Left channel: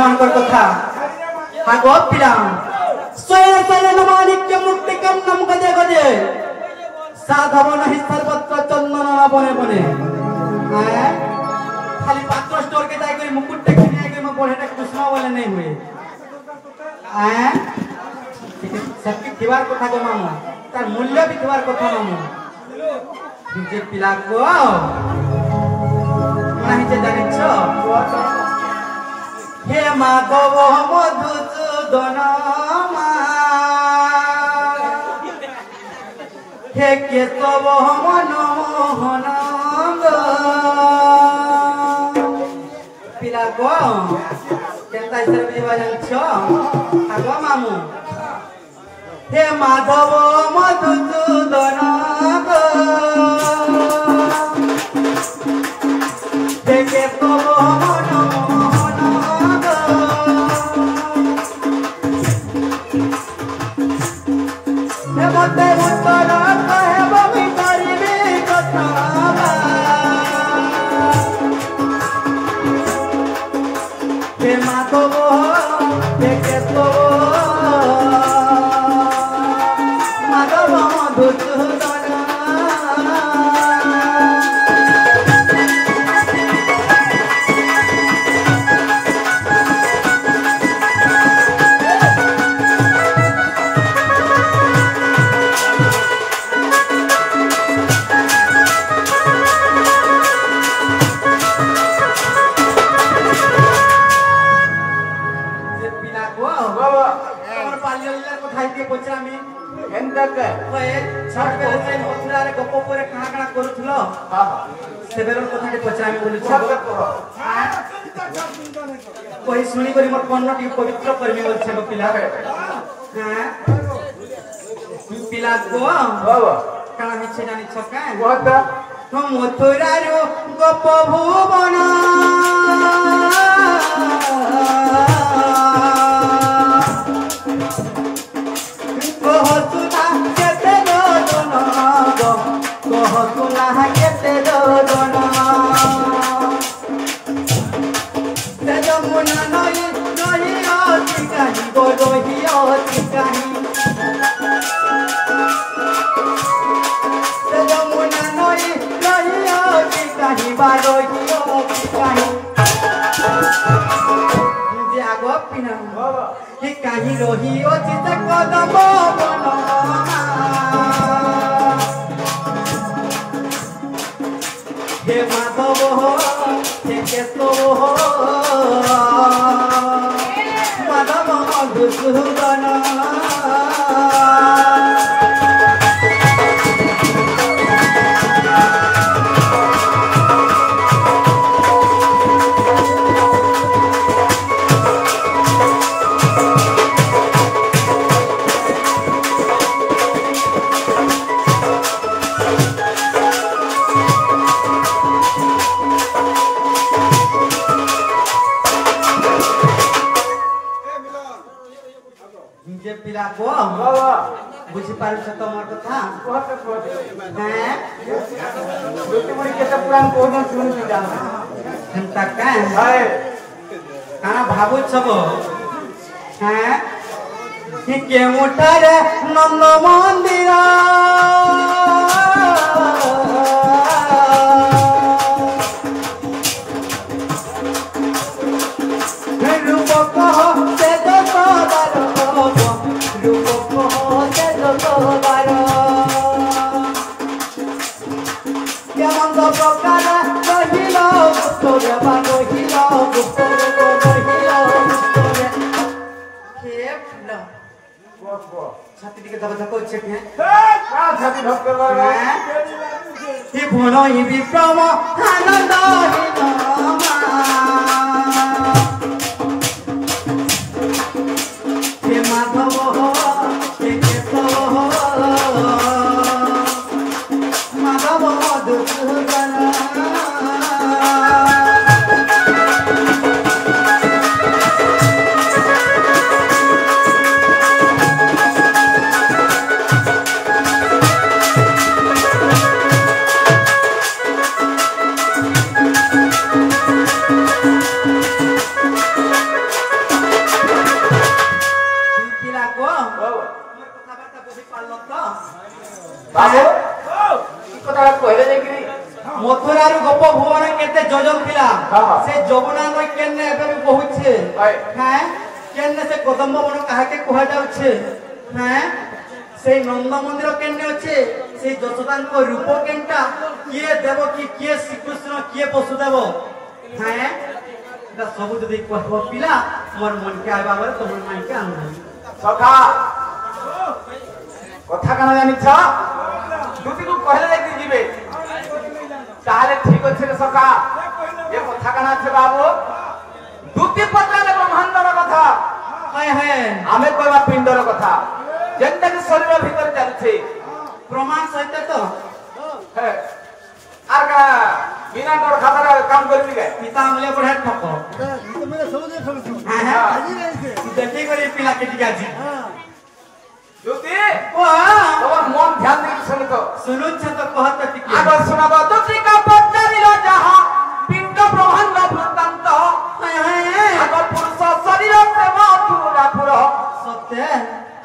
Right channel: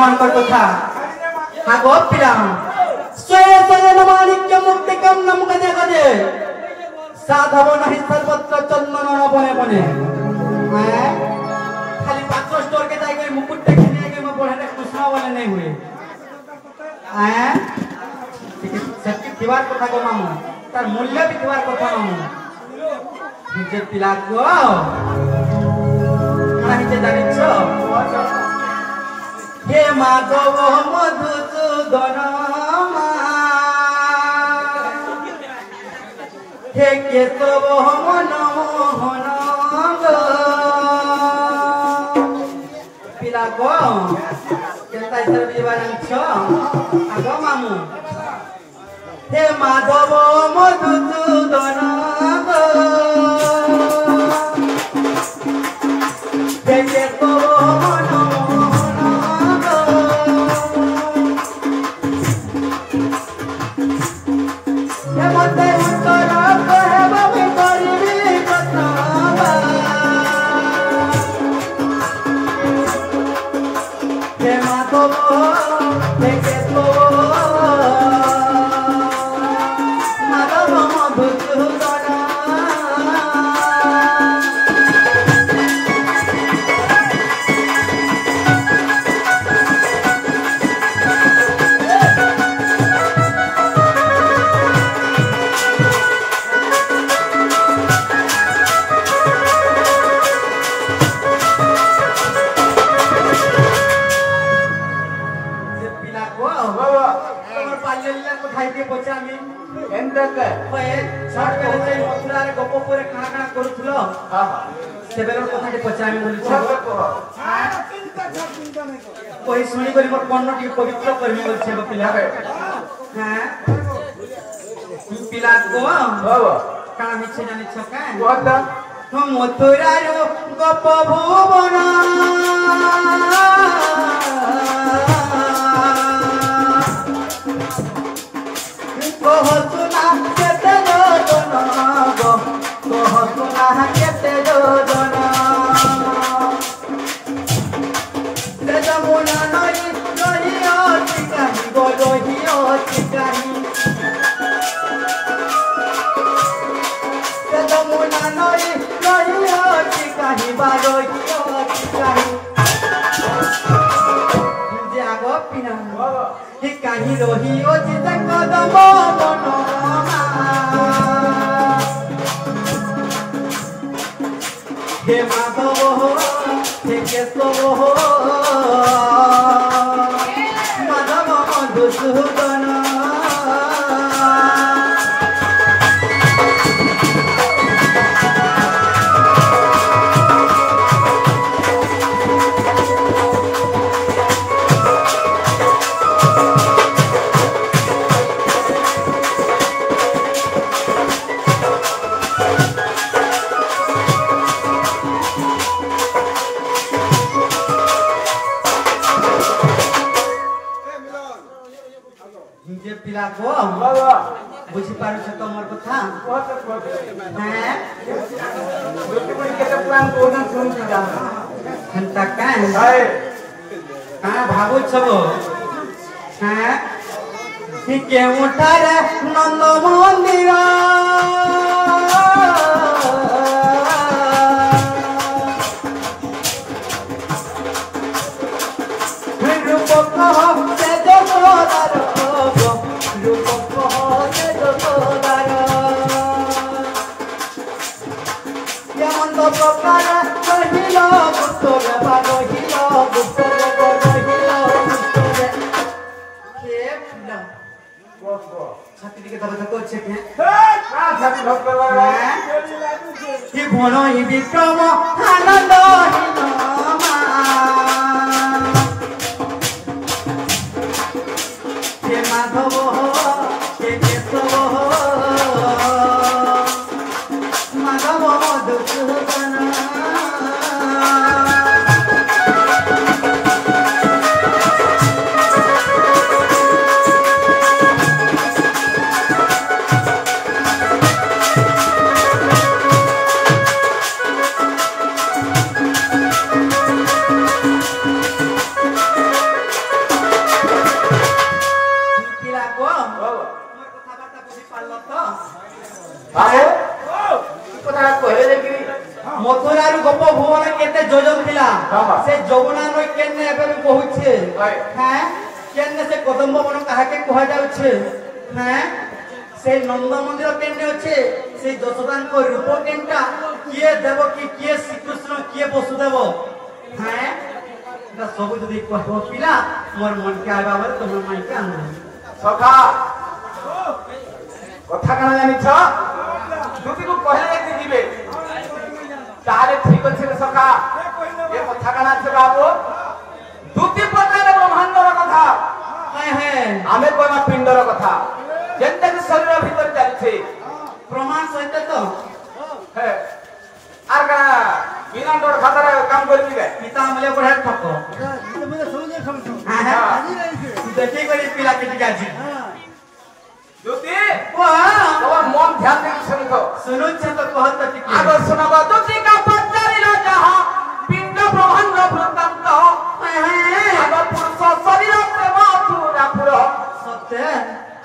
अंकर कथा आगो पिलाम सोये सोये नमानिक्य मुक्तिकम नम गजे गजे साधव नहीं सर्वत्र चंदन न बने बने खाली 5 स्टोर के जाई कोई मुकुट टेकी दिए कि मैं बड़े तक कुसमा वाले नहीं हुए सबके दीवार कथा को मामू तार मूल्य भी दीवार कथा मामू जे पिला को नहीं जे जाने छ हे माधव मधुसूदन हे केशव मनोहन पिला को केता इधर बिवारन छ आगो मामू हे माधव मधुसूदन हे केशव मनोहन हे मते मुतरा कहब भी करिबे कथा हे माधव हे केशव माधव मधुसूदन कोई सुनी करी मोर कन्न की पवित्र करमी बोल छे पिला हां पिला को बाबा काना मिछे जानि छका कोता तो मथुरा रो गप भुवन कहतुना केते जोदन कहतुना केते जोदन कहीं रोही चित कदम हे माधव हे केशव माधव मधुसूदन पिला को बाबा बुझी पारु छ त मोर कथा बहुत हैं गोटी बड़ी केते पुराण कोन सुनु छ हंता का है का भाबु छबो हैं कि के उठार नंद मंदिर छाती के दबा को चेक है का छाती भक्त लगा ही भनो ही विक्रम आनंद ही हे माधव हे केशव माधव मधुसूदन हैं केने से कदम्ब वन कहा के कहा जाउछे हैं से नंद मंदिर केने अच्छे से दशरथन को रूप केनटा किए देव कि किए श्री कृष्ण किए वसुदेव हैं दा सब जदी कहबो पिला मोर मन के आबाबर तोर मन के आनु सखा कथा कना जानि छ दुती को कहले देखि जीवे ताले ठीक अछि रे सखा ये कथा कना छे बाबू दुती पताले ब्रह्मांडर कथा हाय हाय आमे कहबा पिंडर कथा जेंते कि शरीर भीतर चलछे प्रमाण सहित तो है आर का बिना डर खातर काम करबी के पिता हमले पढ़ा ठको ये मेरे समझे समझ हाजी रही से देखि करी पिला के टिका जी दुती वाह और मन ध्यान दे सुन तो सुनु छ तो कहत टिके आगो सुनाबो दुती का पचारिला जहां पिंड ब्रह्मांड वृत्तांत हाय हाय आगो पुरुष शरीर से मथुरा पुर सत्य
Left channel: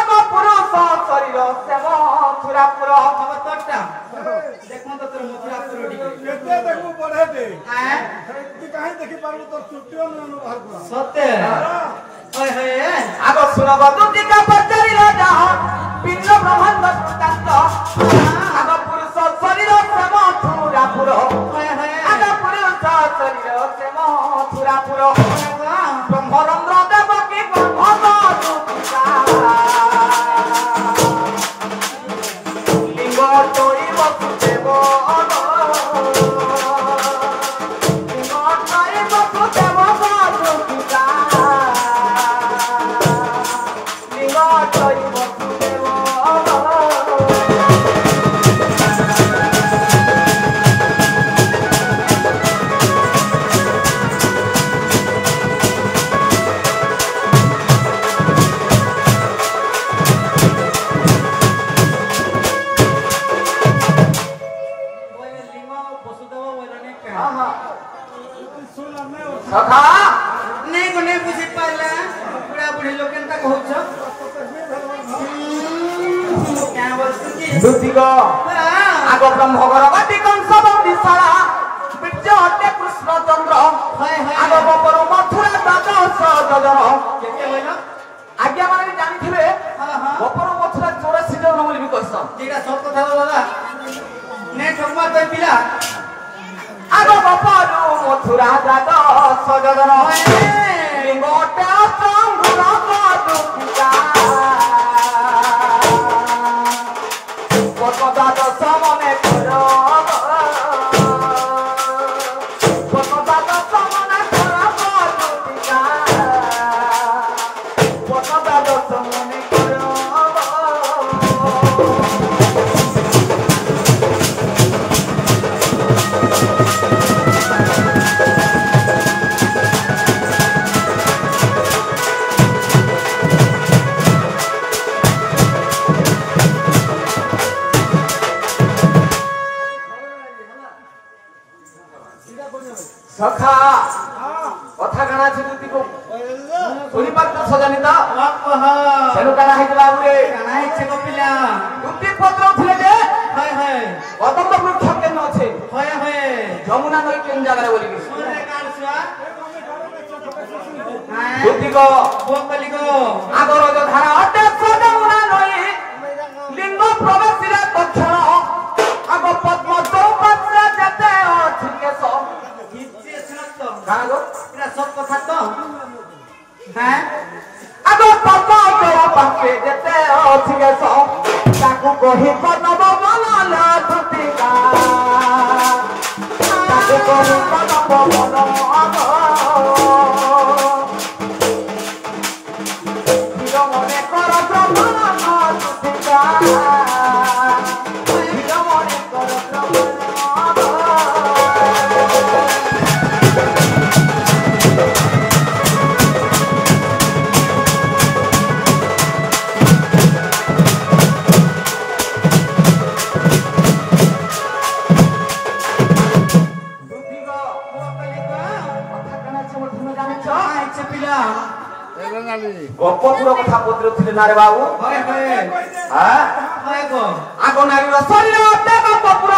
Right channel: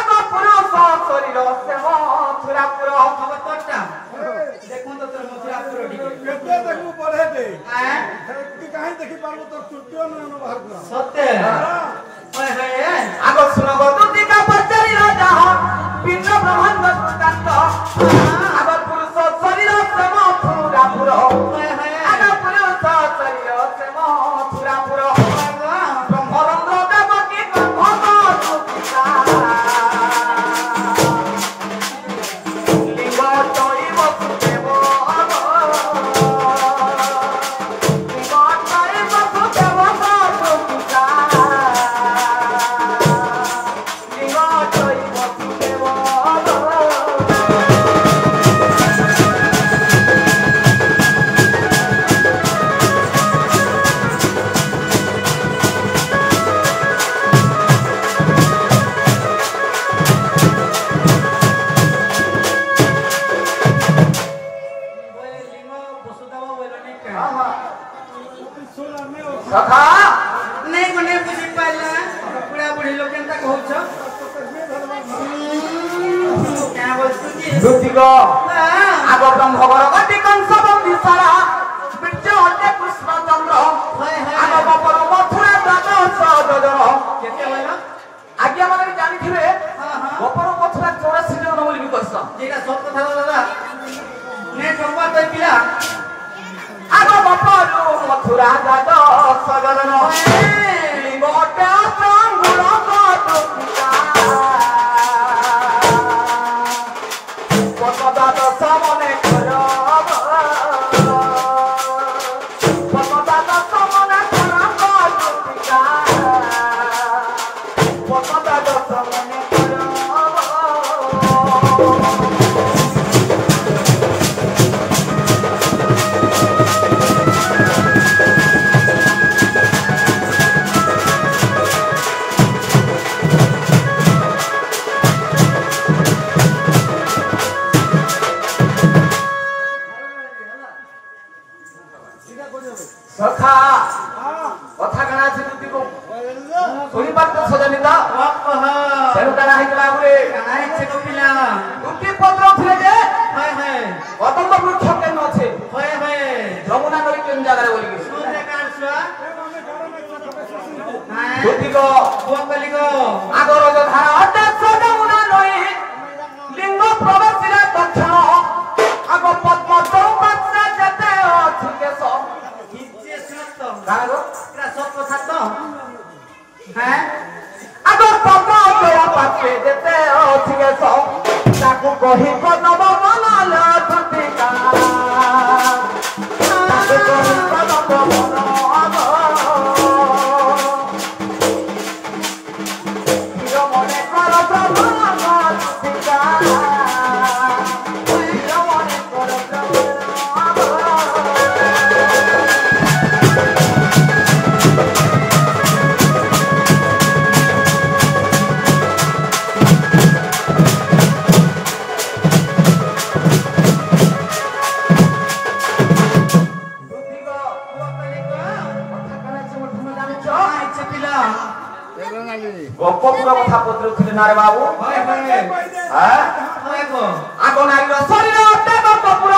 आगो पुरुष शरीर से मथुरा पुर अब तट्टा देखो तो तोर मथुरा पुरो टिके केते देखू पढ़े दे हैं तू काहे देखि पारबो तो छुट्टियो न बाहर पूरा सत्य हाय हाय आगो सुनाबो दुती का पचारिला जहां पिंड ब्रह्मांड वृत्तांत आगो पुरुष शरीर से मथुरा पुर हाय हाय आगो पुरुष शरीर से मथुरा पुर ब्रह्मरंध्र देवकी ब्रह्म सुपिता लिंग चोरी वसुदेव लिंग चोरी वसुदेव सुपिता लिंग चोरी वसुदेव लिंग वसुदेव बोलने का सोला में और सखा नहीं को नहीं बुझी पाले पूरा बुढ़ी लोगन तक हो छ क्या बोलछ की दुतिको हां आग ब्रह्म भगवती कंस बंदिसारा विद्य हटे कृष्ण चंद्र हाय आग हाय बपर मथुरा दास गजन केते होइलो आज्ञा माने जानिथिबे हां हां बपर मथुरा 84 जन बोली बिकस जेटा सब कथा दादा ने टम्मा तो पिला आग बपर मथुरा दास गजन लिंगटे संगुण कटुका पतदात समने करो पतदात समने करो कटुका पतदात समने करो सीधा कोने में सखा हां कथा काना छै दुती को ओले सुनी बात तो सजानी दा ओहो सेनु काना हैतला बुले कानाई छे को पिला दुती पत्र थिले जे हाय हाय कदम वृक्ष केन আছে हाय हाय যমুনা নই কেন জায়গায় বলি গেছে सुने कान सुआ हमें गाड़ो में छोटा सुन हां দুতি को बोकली को আগর যে ধারা অতে যমুনা নই লিঙ্গ প্রবেশিরা দক্ষিণ আগ পদ্ম চৌপাত্রে যেতে আছে কেশ हिचे सुनत तो গাগো एरा सब कथा तो हैं আগ পদ্ম চৌপাত্রে যেতে আছে কেশ তাকু কহি পদ্ম মঙ্গল দুতিকা তাকু কহি পদ্ম মঙ্গল মনে কর ব্রহ্মণ দুতিকা মনে কর ব্রহ্মণ দুতিকা बोकली को কথা কেনা ছিল তুমি জানিছ हाय छे पिला रंगाली গপপুর কথা পত্রছিলে না রে বাবু हाय हाय হ্যাঁ हाय को আগ নারীর শরীর অতে গপপুর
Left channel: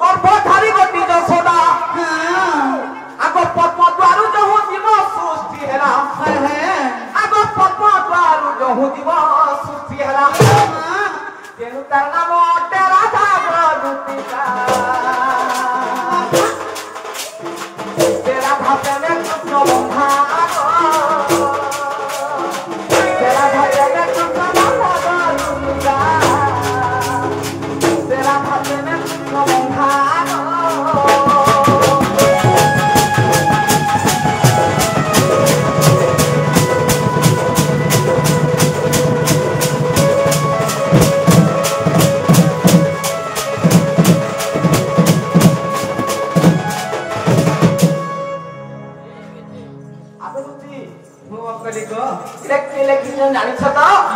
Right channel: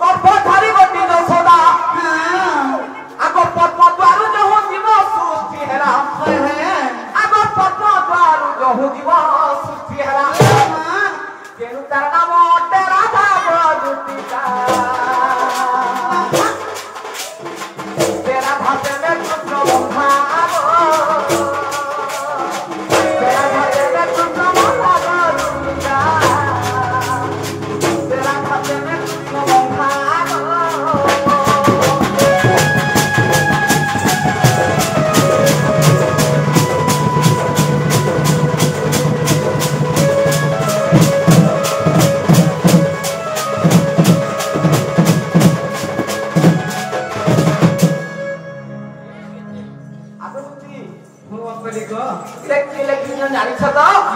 গর্ভধারী গতি যশোদা हां আগ পদ্ম দ্বারু যহ জীব সৃষ্টি হেরা प्रभु जीवन सृष्टि हरा तेनु तार नाम तेरा धाम दुतिका तेरा भाते में कृष्ण बंधा तेरा भाते में कृष्ण बंधा दुतिका तेरा भाते में कृष्ण बंधा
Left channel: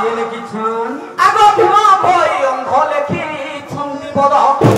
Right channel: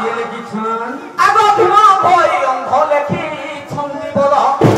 ये लिखी छन आगो भीमा भई अंध लेखी छंदी बड़